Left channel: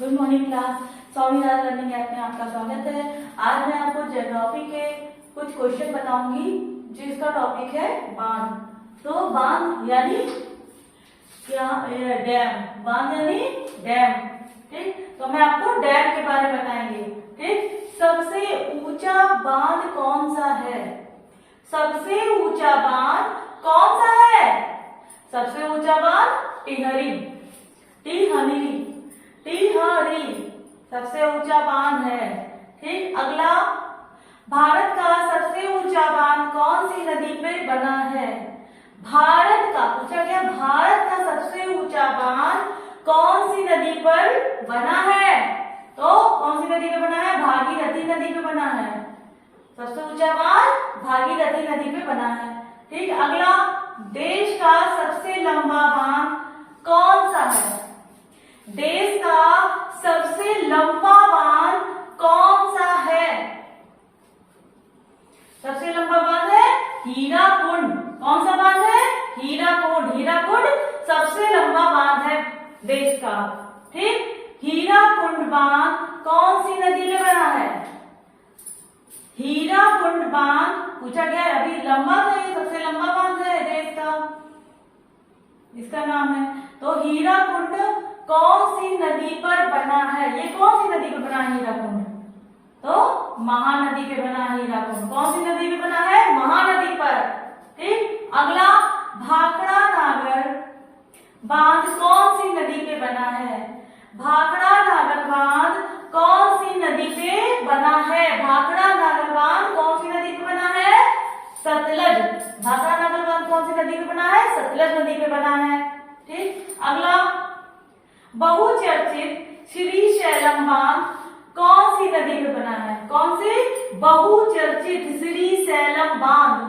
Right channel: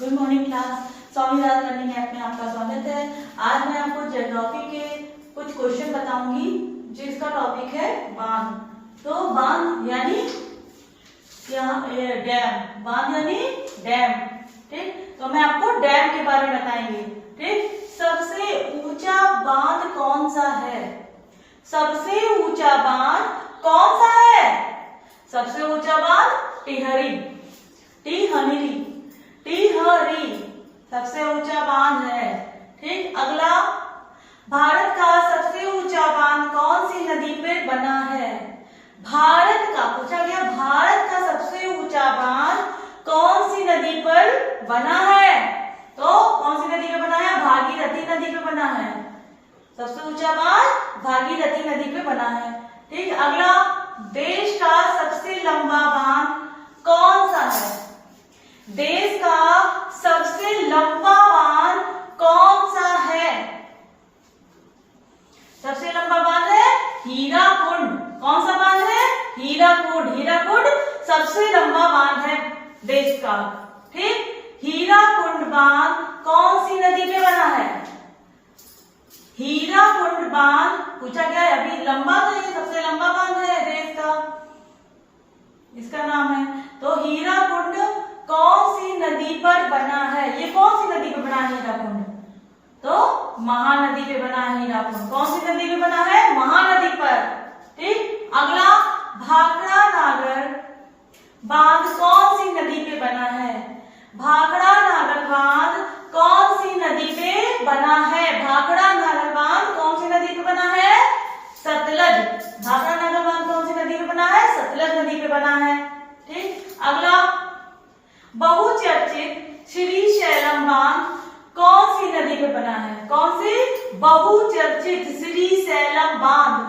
Good morning class. Swaminath learning app में आपका स्वागत है। आज मैं आपको ज्योग्राफी के कुछ क्वेश्चन बताऊंगी जिसका टॉपिक है बांध। तो बांध यानी क्या? डैम। बांध यानी डैम। ठीक, तो मैं आपको डैम के बारे में बताएंगे। ठीक, सबसे ऊंचा बांध कौन सा है? सबसे ऊंचा बांध कौन सा है? सबसे ऊंचा बांध टिहरी। टिहरी सबसे ऊंचा बांध है। ठीक, अगला, भारत का सबसे ऊंचा बांध कौन सी नदी पर बना है? भारत का पूछा गया, भारत का सबसे ऊंचा बांध कौन सी नदी पर बना है? तो कौन सी नदी पे बना है? भागीरथी नदी पे बना है। सबसे ऊंचा बांध भागीरथी नदी पे बना है। ठीक, अगला, देश का सबसे लंबा बांध कौन सा है? देश का सबसे लंबा बांध कौन सा है? सबसे लंबा बांध है हीराकुंड। कौन सा बांध है? हीराकुंड। हीराकुंड सबसे लंबा बांध है देश का। ठीक, हीराकुंड बांध कौन सी नदी पे बना है? हीराकुंड बांध पूछा गया है, अभी लंबा तो ये सबसे लंबा बांध है देश का, इसका नाम है। तो हीराकुंड कौन सी नदी पर बना है? ये कौन सी नदी पे बना है हीराकुंड? तो महानदी पे बना है हीराकुंड। कौन सी नदी पे बना है? महानदी पर। ठीक, अगला, भाखड़ा नागर बांध कौन सी नदी पे बना है? भाखड़ा नागर बांध कौन सी नदी पे बना है? भाखड़ा नागर बांध कौन सी नदी पे बना है? सतलज। भाखड़ा नागर बांध कौन सी नदी पे बना है? सतलज नदी पे बना है। ठीक, अगला, बहुचर्चित श्रीशैलम बांध कौन सी नदी पे बना है? कौन सी? बहुचर्चित श्रीशैलम बांध।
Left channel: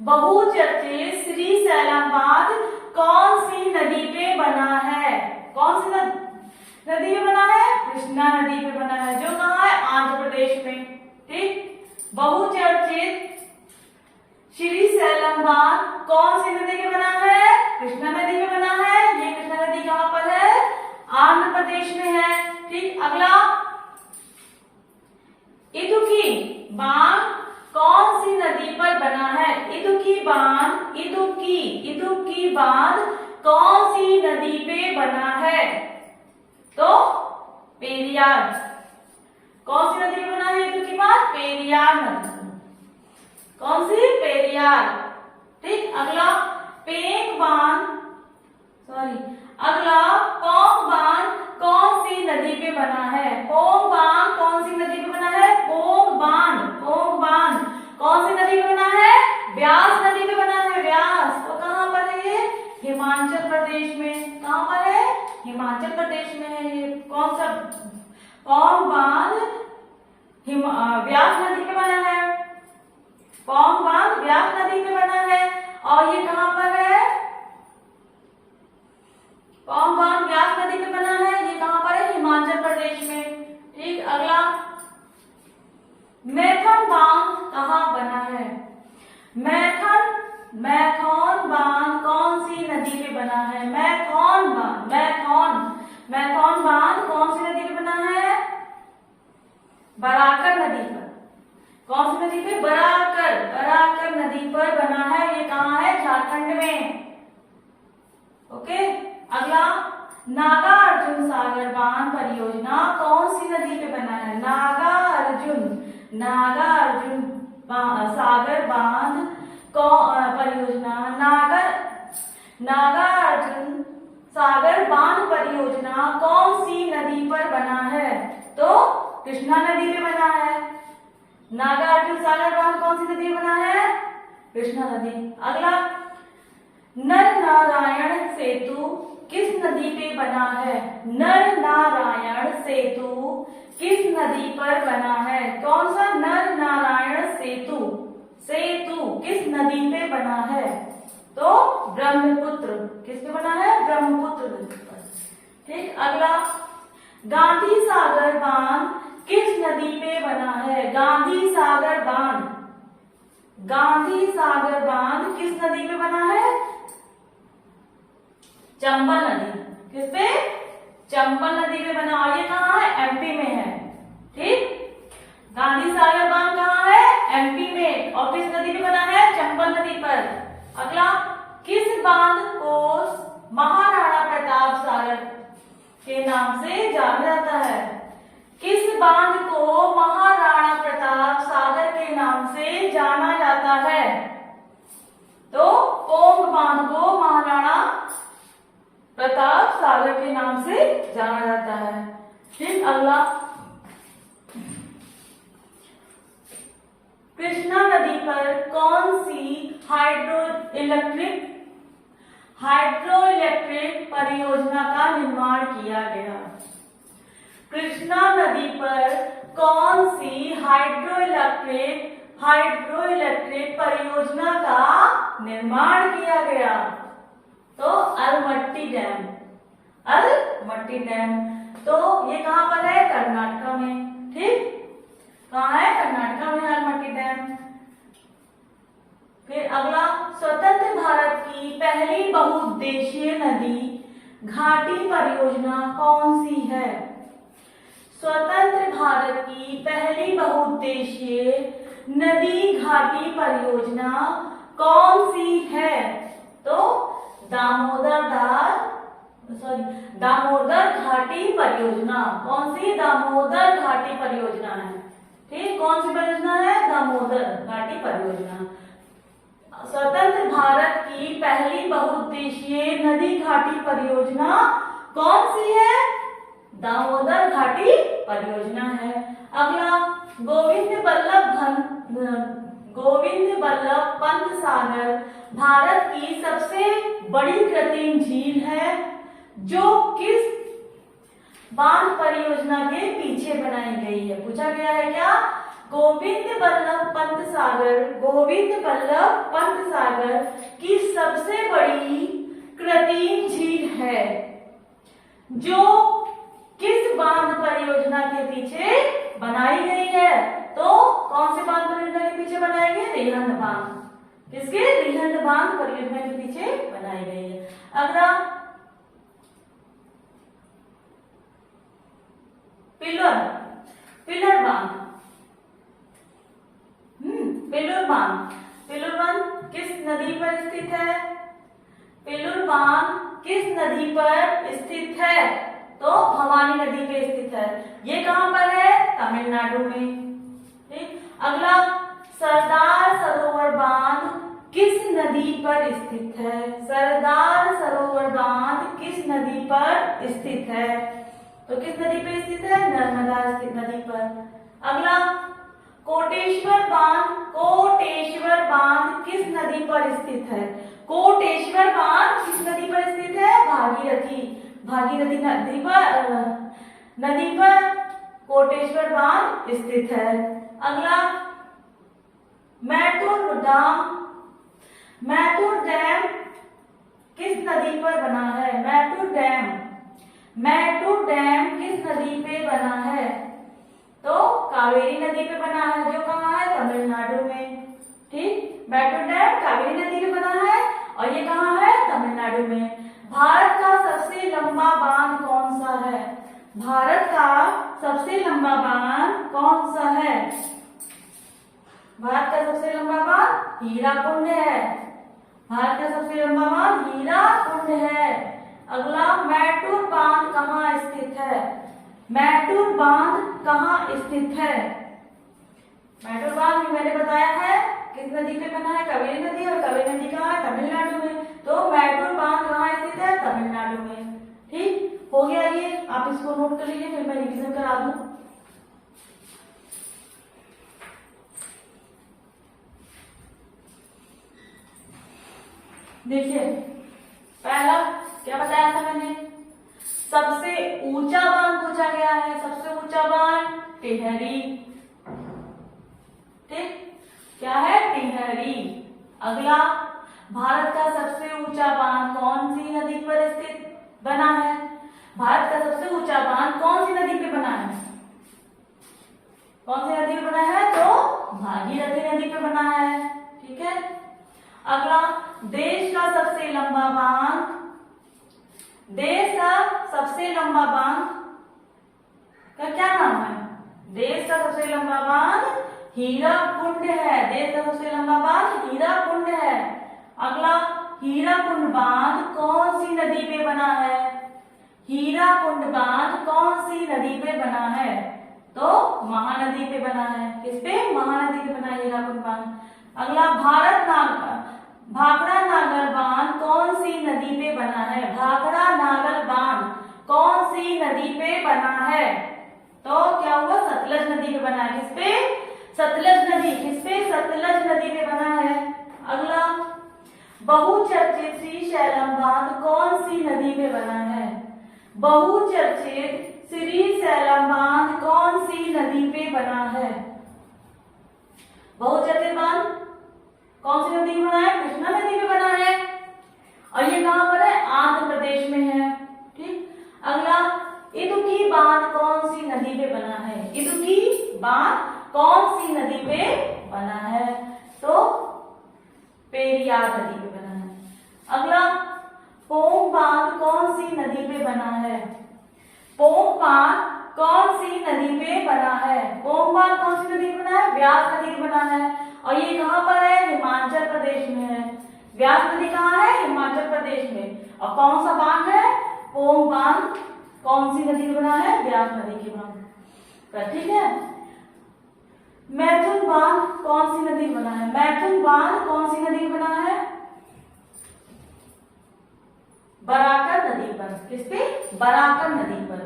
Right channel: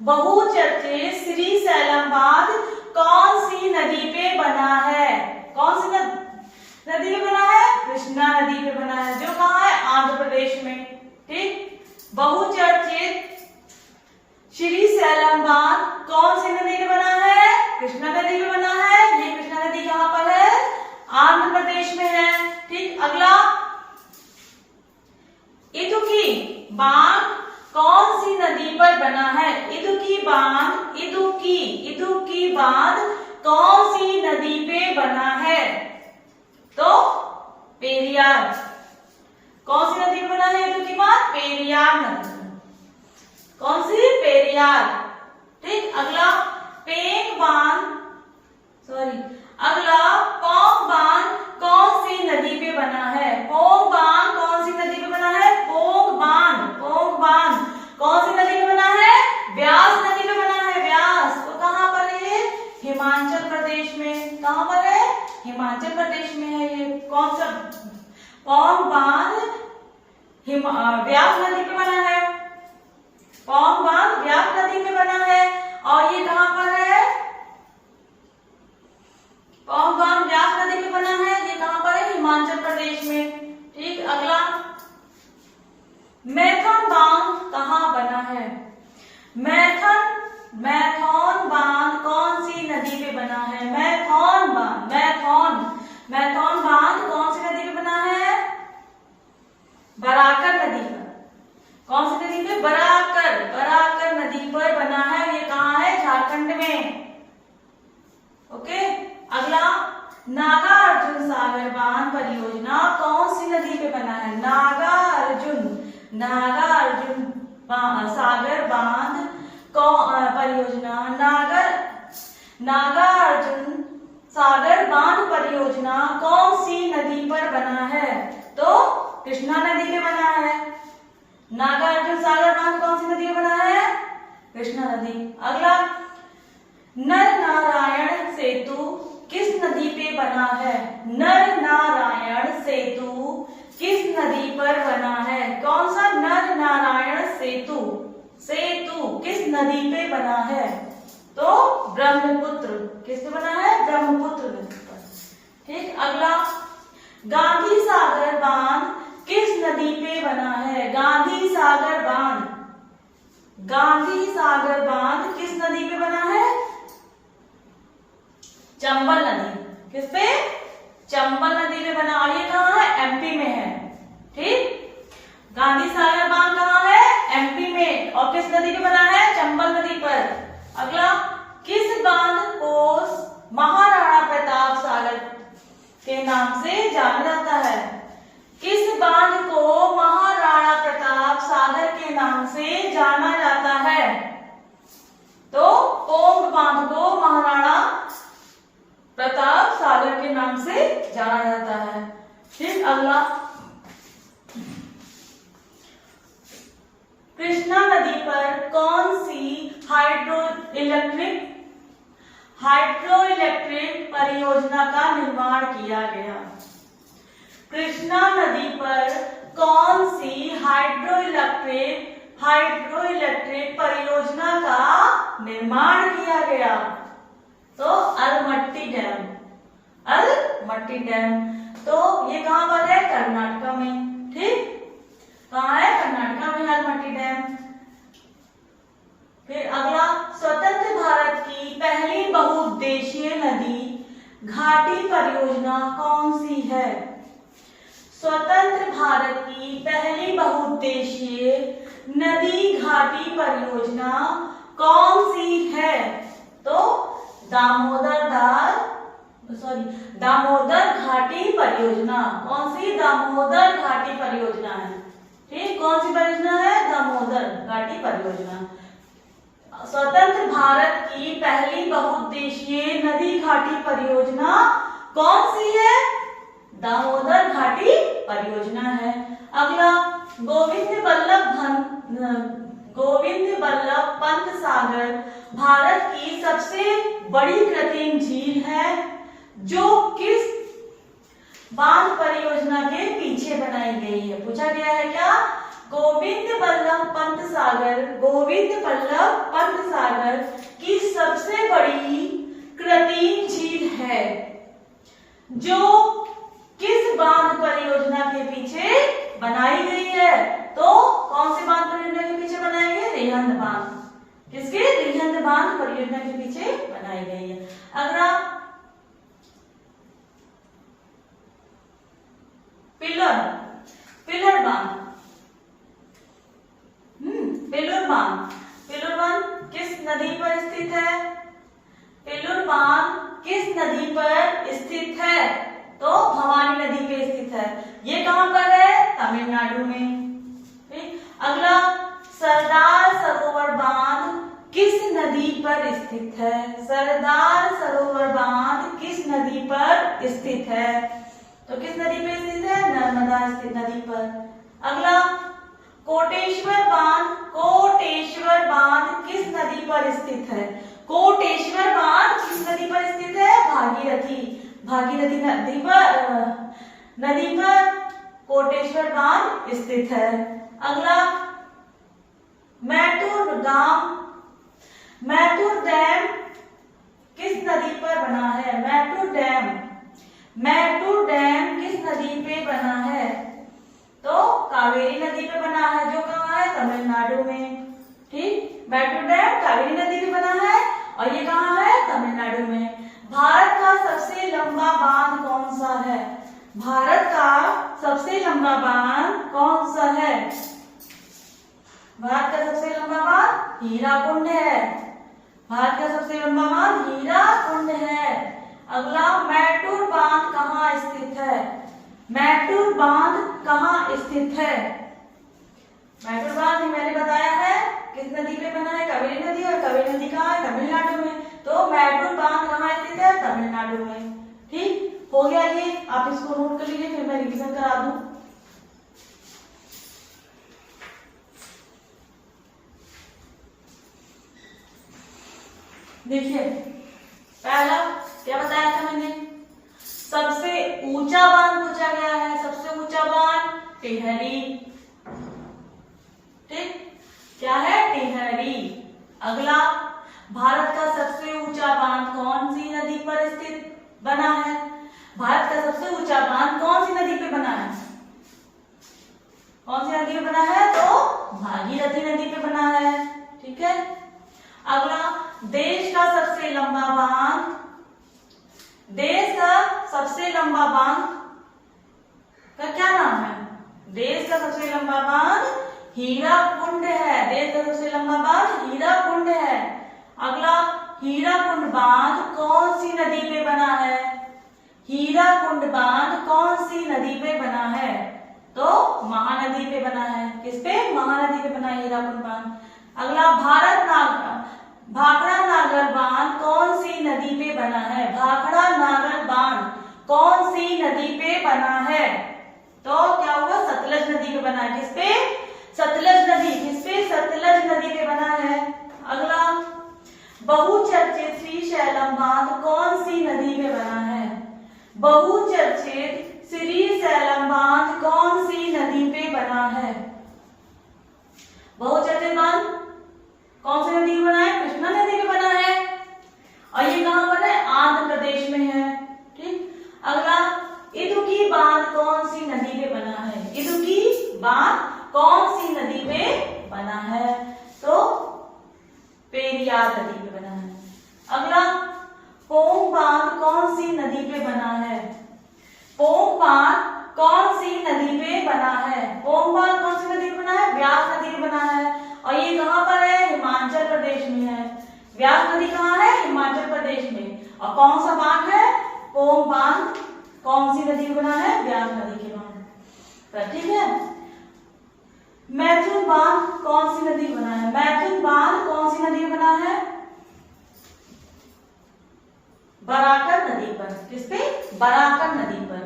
बहुचर्चित श्रीशैलम बांध कौन सी नदी पे बना है? कौन सी नदी पे बना है? कृष्णा नदी पे बना है, जो कहाँ है? आंध्र प्रदेश में। ठीक, बहुचर्चित श्रीशैलम बांध कौन सी नदी पे बना है? कृष्णा नदी पे बना है। ये कृष्णा नदी कहाँ पर है? आंध्र प्रदेश में है। ठीक, अगला, इदुक्की बांध कौन सी नदी पर बना है? इदुक्की बांध, इदुक्की बांध कौन सी नदी पे बना है? तो पेरियार। कौन सी नदी पे बना है इदुक्की बांध? पेरियार नदी। कौन सी? पेरियार। ठीक, अगला, पेंग बांध, अगला, पोंग बांध कौन सी नदी पे बना है? पोंग बांध कौन सी नदी पे बना है? पोंग बांध कौन सी नदी पे बना है? व्यास नदी पे बना है। व्यास तो कहाँ पर है ये? हिमाचल प्रदेश में। कहाँ पर है? हिमाचल प्रदेश में है ये। कौन सा? पोंग बांध व्यास नदी पे बना है। पोंग बांध व्यास नदी पे बना है। और ये कहाँ पर है? पोंग बांध व्यास नदी पे बना है। ये कहाँ पर है? हिमाचल प्रदेश में। ठीक, अगला, मैथन बांध कहाँ बना है? मैथन बांध कौन सी नदी पे बना है? मैथन बांध कौन सी नदी पे बना है? बराकर नदी पर। कौन सी नदी पे? बराकर नदी पर बना है। ये कहाँ है? झारखंड में। ओके, अगला, नागार्जुन सागर बांध परियोजना कौन सी नदी पे बना है? नागार्जुन सागर बांध परियोजना, नागार्जुन सागर बांध परियोजना कौन सी नदी पर बना है? तो कृष्णा नदी पे बना है। नागार्जुन सागर बांध कौन सी नदी पे बना है? कृष्णा नदी। अगला, नर नारायण सेतु किस नदी पे बना है? नर नारायण सेतु किस नदी पर बना है? कौन सा? नर नारायण सेतु किस नदी पे बना है? तो ब्रह्मपुत्र। किस पे बना है? ब्रह्मपुत्र नदी पर। ठीक, अगला, गांधी सागर बांध किस नदी पे बना है? गांधी सागर बांध किस नदी पे बना है? चंबल नदी। किस पे? चंबल नदी पे बना, और ये कहाँ है? एमपी में है। ठीक, गांधी सागर बांध कहाँ है? एमपी में। और किस नदी पे बना है? चंबल नदी पर। अगला, किस बांध को महाराणा प्रताप सागर के नाम से जाना जाता है? किस बांध को महाराणा प्रताप सागर के नाम से जाना जाता है? तो पोंग बांध को महाराणा प्रताप सागर के नाम से जाना जाता है। फिर अगला, कृष्णा नदी पर कौन सी हाइड्रो इलेक्ट्रिक परियोजना का निर्माण किया गया? कृष्णा नदी पर कौन सी हाइड्रो इलेक्ट्रिक परियोजना का निर्माण किया गया? तो अलमट्टी डैम। अलमट्टी डैम, तो ये कहां पर है? कर्नाटक में। ठीक, कहां है? कर्नाटक में अलमट्टी डैम। फिर अगला, स्वतंत्र भारत की पहली बहुउद्देशीय नदी घाटी परियोजना कौन सी है? स्वतंत्र भारत की पहली बहुउद्देशीय नदी घाटी परियोजना कौन सी है? तो दामोदर घाटी परियोजना। कौन सी? दामोदर घाटी परियोजना है। ठीक, कौन सी परियोजना है? दामोदर घाटी परियोजना। स्वतंत्र भारत की पहली बहुउद्देशीय नदी घाटी परियोजना कौन सी है? दामोदर घाटी परियोजना है। अगला, गोविंद बल्लभ पंत सागर भारत की सबसे बड़ी कृत्रिम झील है जो किस बांध परियोजना के पीछे बनाई गई है? पूछा गया है क्या? गोविंद बल्लभ पंत सागर की सबसे बड़ी कृत्रिम झील है जो किस बांध परियोजना के पीछे बनाई गई है? तो कौन सी बांध परियोजना के पीछे बनाई गई? रिहंद बांध। किसके? रिहंद बांध परियोजना के पीछे बनाई गई है। अगला, पिलर बांध। पिलर बांध किस नदी पर स्थित है? पिलर बांध किस नदी पर स्थित है? तो भवानी नदी पे स्थित है। ये कहां पर है? तमिलनाडु में। ठीक, अगला, सरदार सरोवर बांध किस नदी पर स्थित है? सरदार सरोवर बांध किस नदी पर स्थित है? तो किस नदी पर स्थित है? नर्मदा नदी पर। अगला, कोटेश्वर बांध किस नदी पर स्थित है? कोटेश्वर बांध किस नदी पर स्थित है? भागीरथी नदी पर कोटेश्वर बांध स्थित है। अगला, मैटूर डैम किस नदी पर बना है? मैटूर डैम किस नदी पे बना है? तो कावेरी नदी पे बना है, जो कहाँ है? तमिलनाडु में। ठीक, मैटूर डैम कावेरी नदी पे बना है और ये कहाँ है? तमिलनाडु में। भारत का सबसे लंबा बांध कौन सा है? भारत का सबसे लंबा बांध कौन सा है? भारत का सबसे लंबा बांध हीराकुंड है। भारत का सबसे लंबा बांध हीराकुंड है। अगला, मैटूर बांध कहाँ स्थित है? मैटूर बांध कहाँ स्थित है? मैटूर बांध मैंने बताया है किस नदी पे बना है? कावेरी नदी, और कावेरी नदी कहाँ है? तमिलनाडु में। तो मैटूर बांध कहाँ स्थित है? तमिलनाडु में। ठीक, हो गया ये, आप इसको नोट कर लीजिए, फिर मैं रिवीजन करा दूं। देखिए, पहला क्या बताया था मैंने? सबसे ऊंचा बांध पूछा गया है। सबसे ऊंचा बांध टिहरी। ठीक, क्या है? टिहरी। अगला, भारत का सबसे ऊंचा बांध कौन सी नदी पर स्थित बना है? भारत का सबसे ऊंचा बांध कौन सी नदी पे बना है? कौन सी नदी पे बना है? तो भागीरथी नदी पे बना है। ठीक है। अगला, देश का सबसे लंबा बांध सबसे लंबा बांध हीराकुंड है। देश का सबसे लंबा बांध हीराकुंड है। अगला, हीराकुंड बांध कौन सी नदी पे बना है? हीराकुंड बांध कौन सी नदी पे बना है? तो महानदी पे बना है। किस पे? महानदी पे बना है हीराकुंड बांध। अगला, भाखड़ा नागर बांध कौन सी नदी पे बना है? भाखड़ा नागर बांध कौन सी नदी पे बना है? तो क्या हुआ? सतलज नदी पे बना है। किस पे? सतलज नदी। किस पे? सतलज नदी पे बना है। अगला, बहुचर्चित श्रीशैलम बांध कौन सी नदी पे बना है? बहुचर्चित श्रीशैलम बांध कौन सी नदी पे बना है? बहुचर्चित बांध कौन सी नदी पे बना है? कृष्णा नदी पे बना है। और ये कहां पर है? आंध्र प्रदेश में है। ठीक। अगला, इदुक्की बांध कौन सी नदी पे बना है? इदुक्की बांध कौन सी नदी पे बना है? तो पेरियार नदी पे बना है। अगला, पोंग बांध कौन सी नदी पे बना है? पोंग बांध कौन सी नदी पे बना है? पोंग बांध कौन सी नदी पे बना है? व्यास नदी पे बना है। और ये कहां पर है? हिमाचल प्रदेश में है। व्यास नदी कहां है? हिमाचल प्रदेश में। और कौन सा बांध है? पोंग बांध कौन सी नदी पे बना है? व्यास नदी के बांध पर। ठीक है। मैथुन बांध कौन सी नदी बना है? मैथुन बांध कौन सी नदी बना है? बराकर नदी पर। किस पे? बराकर नदी पर।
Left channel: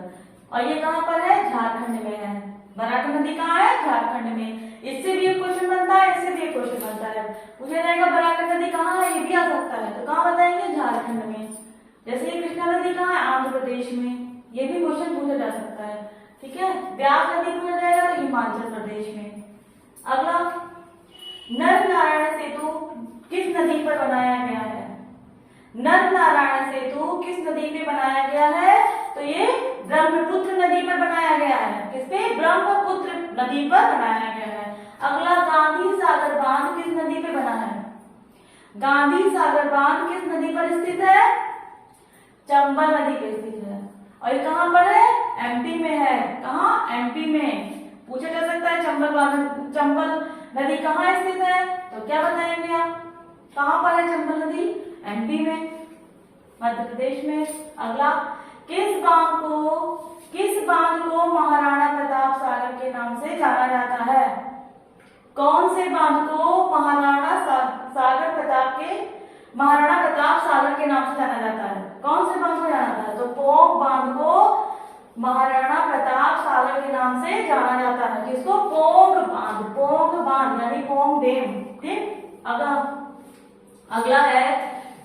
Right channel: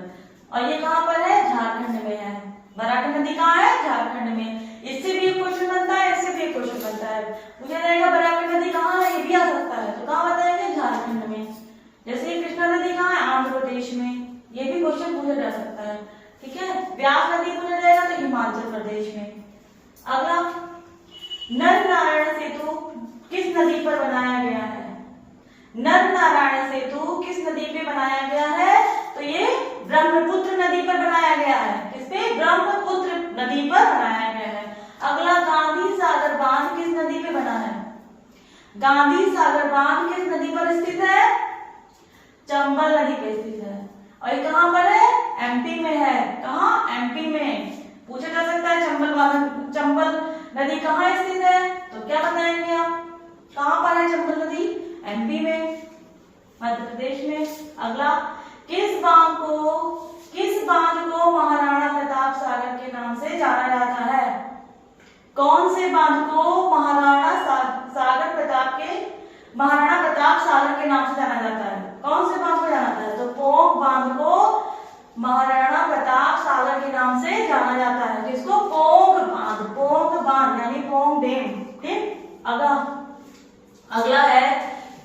और ये कहां पर है? झारखंड में है। बराकर नदी कहां है? झारखंड में। इससे भी एक क्वेश्चन बनता है, इससे भी एक क्वेश्चन बनता है। पूछा जाएगा बराकर नदी कहां है? ये भी आ सकता है। तो कहां बताएंगे? झारखंड में। जैसे ये कृष्णा नदी कहां है? आंध्र प्रदेश में। ये भी क्वेश्चन पूछा जा सकता है। ठीक है। व्यास नदी पूछा जाएगा तो हिमाचल प्रदेश में। अगला, नर नारायण सेतु किस नदी पर बनाया गया है? नर नारायण सेतु किस नदी पे बनाया गया है? तो ये ब्रह्मपुत्र नदी पर बनाया गया है। किस पे? ब्रह्मपुत्र नदी पर बनाया गया है। अगला, गांधी सागर बांध किस नदी पे बना है? गांधी सागर बांध किस नदी पर स्थित है? चंबल नदी पे स्थित है। और ये कहां पर है? एमपी में है। कहां? एमपी में। पूछा जा सकता है चंबल नदी कहां स्थित है? तो क्या बताएंगे आप? कहां पर है चंबल नदी? एमपी में, मध्य प्रदेश में। अगला, किस बांध को महाराणा प्रताप सागर के नाम से जाना जाता है? कौन से बांध को महाराणा प्रताप सागर के नाम से जाना जाता है? कौन से बांध को जाना जाता है? तो पोंग बांध को महाराणा प्रताप सागर के नाम से जाना जाता है। किसको? पोंग बांध यानी पोंग डैम। ठीक। अगला है,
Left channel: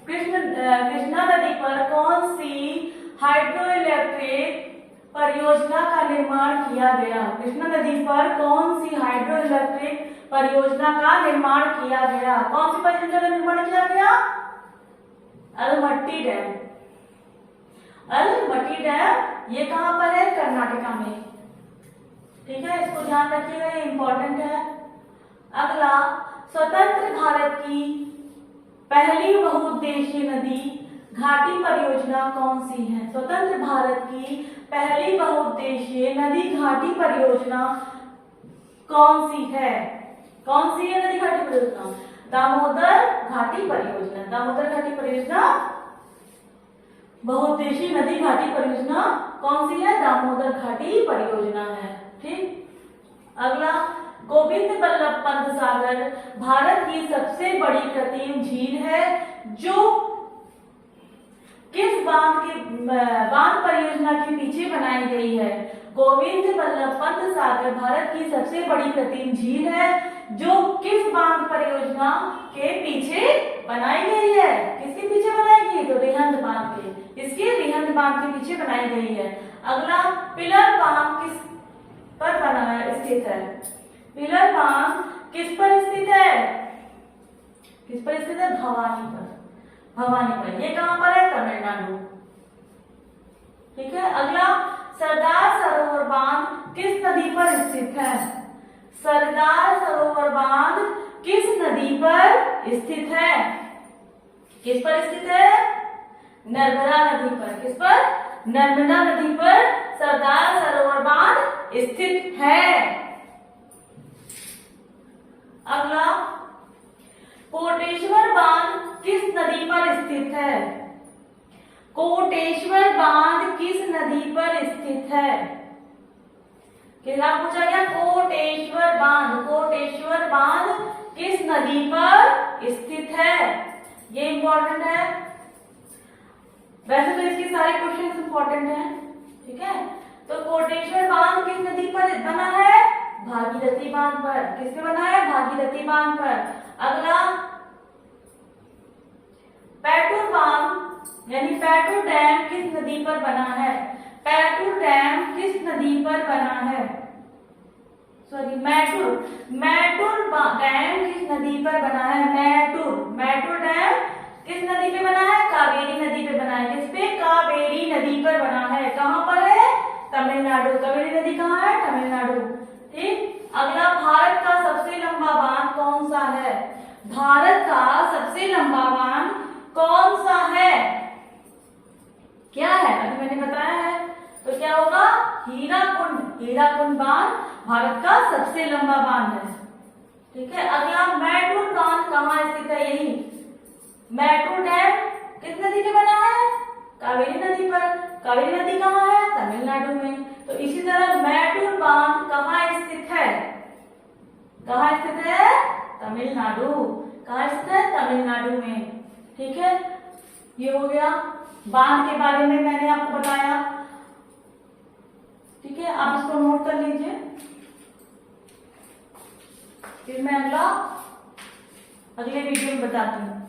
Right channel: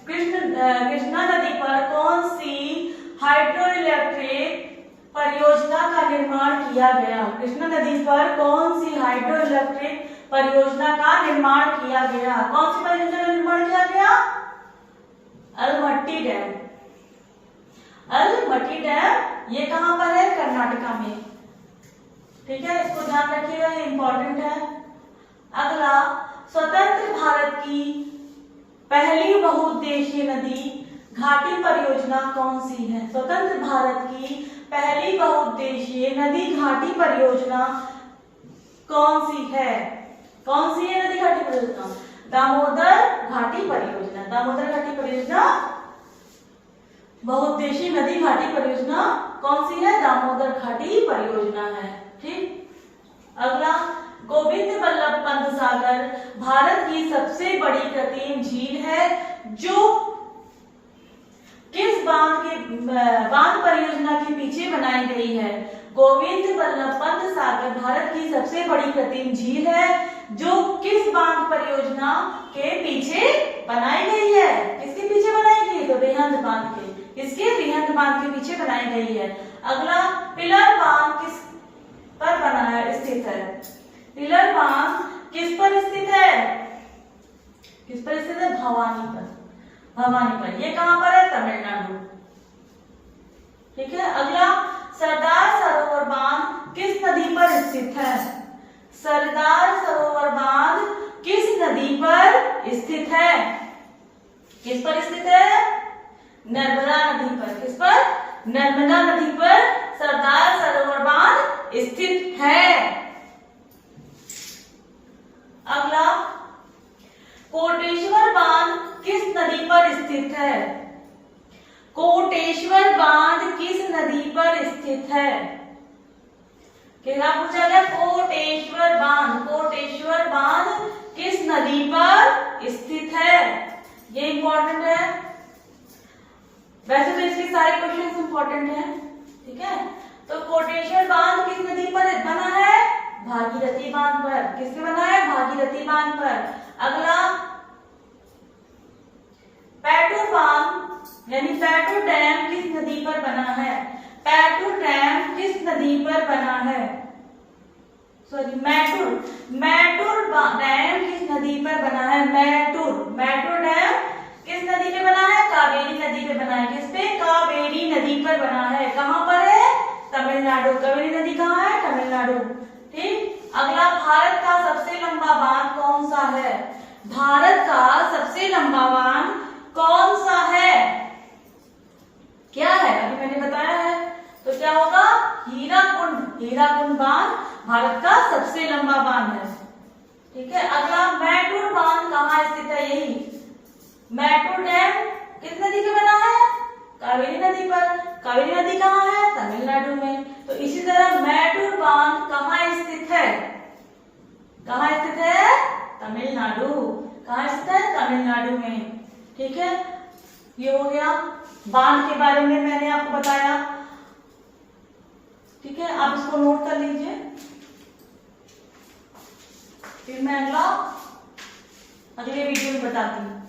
कृष्णा नदी पर कौन सी हाइड्रो इलेक्ट्रिक परियोजना का निर्माण किया गया? कृष्णा नदी पर कौन सी हाइड्रो इलेक्ट्रिक परियोजना का निर्माण किया गया? कौन सी परियोजना का निर्माण किया गया? अलमट्टी डैम। अलमट्टी डैम ये कहां पर है? कर्नाटका में। ठीक है, इसको ध्यान रखिएगा, ये इंपॉर्टेंट है। अगला, स्वतंत्र भारत की पहली बहुउद्देशीय नदी घाटी परियोजना कौन सी है? स्वतंत्र भारत की पहली बहुउद्देशीय नदी घाटी परियोजना कौन सी है? कौन सी है नदी घाटी परियोजना? दामोदर घाटी परियोजना। दामोदर घाटी परियोजना बहुउद्देशीय नदी घाटी परियोजना कौन सी है? दामोदर घाटी परियोजना है। ठीक। अगला, गोविंद बल्लभ पंत सागर भारत की सबसे बड़ी कृत्रिम झील है जो किस बांध परियोजना के पीछे बनाई गई है? गोविंद बल्लभ पंत सागर भारत की सबसे बड़ी कृत्रिम झील है जो किस बांध परियोजना के पीछे बनाई गई है? किसके पीछे बनाई गई? तो रिहंद बांध के। इसके रिहंद बांध के पीछे बनाई गई है। अगला, पिलर बांध किस पर स्थित है? पिलर बांध किस पर स्थित है? किस पर स्थित है? भवानी पर। भवानी पर। ये कहां पर है? तमिलनाडु। ठीक है। अगला, सरदार सरोवर बांध किस नदी पर स्थित है? सरदार सरोवर बांध किस नदी पर स्थित है? किस पर स्थित है? नर्मदा नदी पर। किस पर? नर्मदा नदी पर सरदार सरोवर बांध स्थित है। अगला, कोटेश्वर बांध किस नदी पर स्थित है? कोटेश्वर बांध किस नदी पर स्थित है? क्या पूछा गया? कोटेश्वर बांध, कोटेश्वर बांध किस नदी पर स्थित है? ये इंपॉर्टेंट है। वैसे तो इसके सारे क्वेश्चन इंपॉर्टेंट हैं, ठीक है। तो कोटेश्वर बांध किस नदी पर बना है? भागीरथी बांध पर। किस पे बना है? भागीरथी बांध पर। अगला, पैटूर बांध यानी पैटूर डैम किस नदी पर बना है? पैटूर डैम किस नदी पर बना है? सॉरी, मैटूर डैम किस नदी पर बना है? मैटूर डैम किस नदी पे बना है? कावेरी नदी पे बना है। किस पे? कावेरी नदी पर बना है। कहां पर है? तमिलनाडु। कावेरी नदी कहां है? तमिलनाडु। ठीक। अगला, भारत का सबसे लंबा बांध कौन सा है? भारत का सबसे लंबा बांध कौन सा है? क्या है? अभी मैंने बताया है। तो क्या होगा? हीराकुंड। हीराकुंड बांध भारत का सबसे लंबा बांध है, ठीक है। अगला, मैटूर बांध कहाँ स्थित है? यही मैटूर डैम किस नदी पे बना है? कावेरी नदी पर। कावेरी नदी कहाँ है? तमिलनाडु में। तो इसी तरह मैटूर बांध कहाँ स्थित है? कहाँ स्थित है? तमिलनाडु। कहाँ स्थित है? तमिलनाडु में, ठीक है। ये हो गया बांध के बारे में मैंने आपको बताया, ठीक है। आप इसको नोट कर लीजिए, फिर मैं अगले वीडियो में बताती हूँ।